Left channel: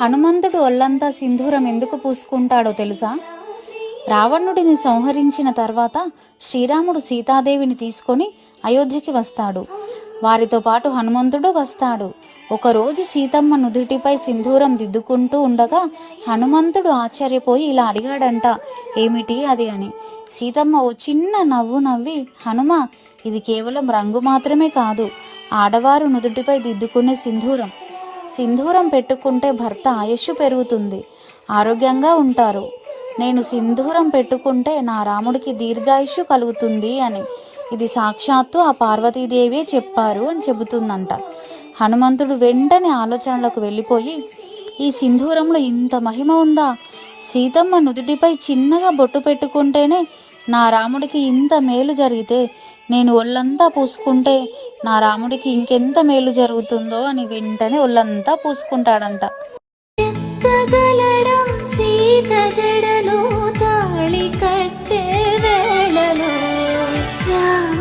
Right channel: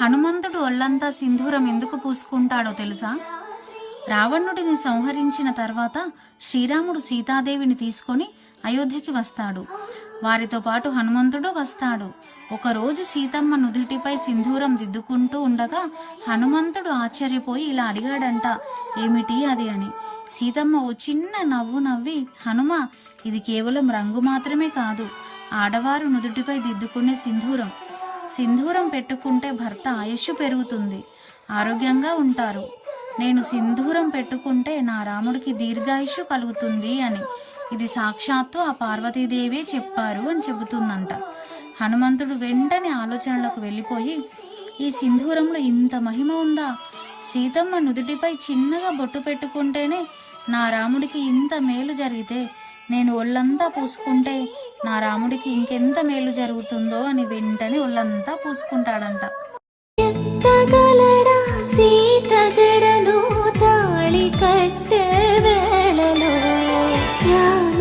హనుమంతుడు ఒళ్ళంతా సింధూరం ఎందుకు పూసుకుంటాడో తెలుసా? రావణుడిని సంహరించిన తర్వాత శ్రీరాముడు సీతాదేవిని తీసుకొని అయోధ్యకి వస్తాడు. వారితో పాటు హనుమంతుడు వస్తాడు. ఒకరోజు సీతమ్మ నుదుటిపై సింధూరం దిద్దుకుంటూ ఉండగా హనుమంతుడు ఆశ్చర్యపోయి ఇలా అడిగాడంట, ఏమిటి అది అని. సీతమ్మ ఓ చిన్న నవ్వు నవ్వి, హనుమ, ఇది కేవలం రంగు మాత్రమే కాదు, ఆడవారు నుదుటిపై దిద్దుకునే సింధూరం. సింధూరం పెట్టుకుంటే భర్త ఆయుష్షు పెరుగుతుంది, ఆరోగ్యంగా ఉంటారు. నేను సింధూరం పెట్టుకుంటే నా రాముడికి దీర్ఘాయుష్షు కలుగుతుంది అని. ఇది సాక్షాత్తు ఆ పార్వతీదేవే చెప్పారు అని చెబుతుందంట. హనుమంతుడు వెంటనే ఆలోచనలకు వెళ్ళిపోయి, ఈ సింధూరంలో ఇంత మహిమ ఉందా? సీతమ్మ నుదుటిపై చిన్నగా బొట్టు పెట్టుకుంటేనే నా రాముడికి ఇంత మేలు జరిగితే, నేను ఒళ్ళంతా పూసుకుంటే నా రాముడికి ఇంకెంత మేలు జరుగుతుందో అని వెంటనే ఒళ్ళంతా పూసుకుంటాడంట. సీత జడను తాళి కట్టే వేళలో రామ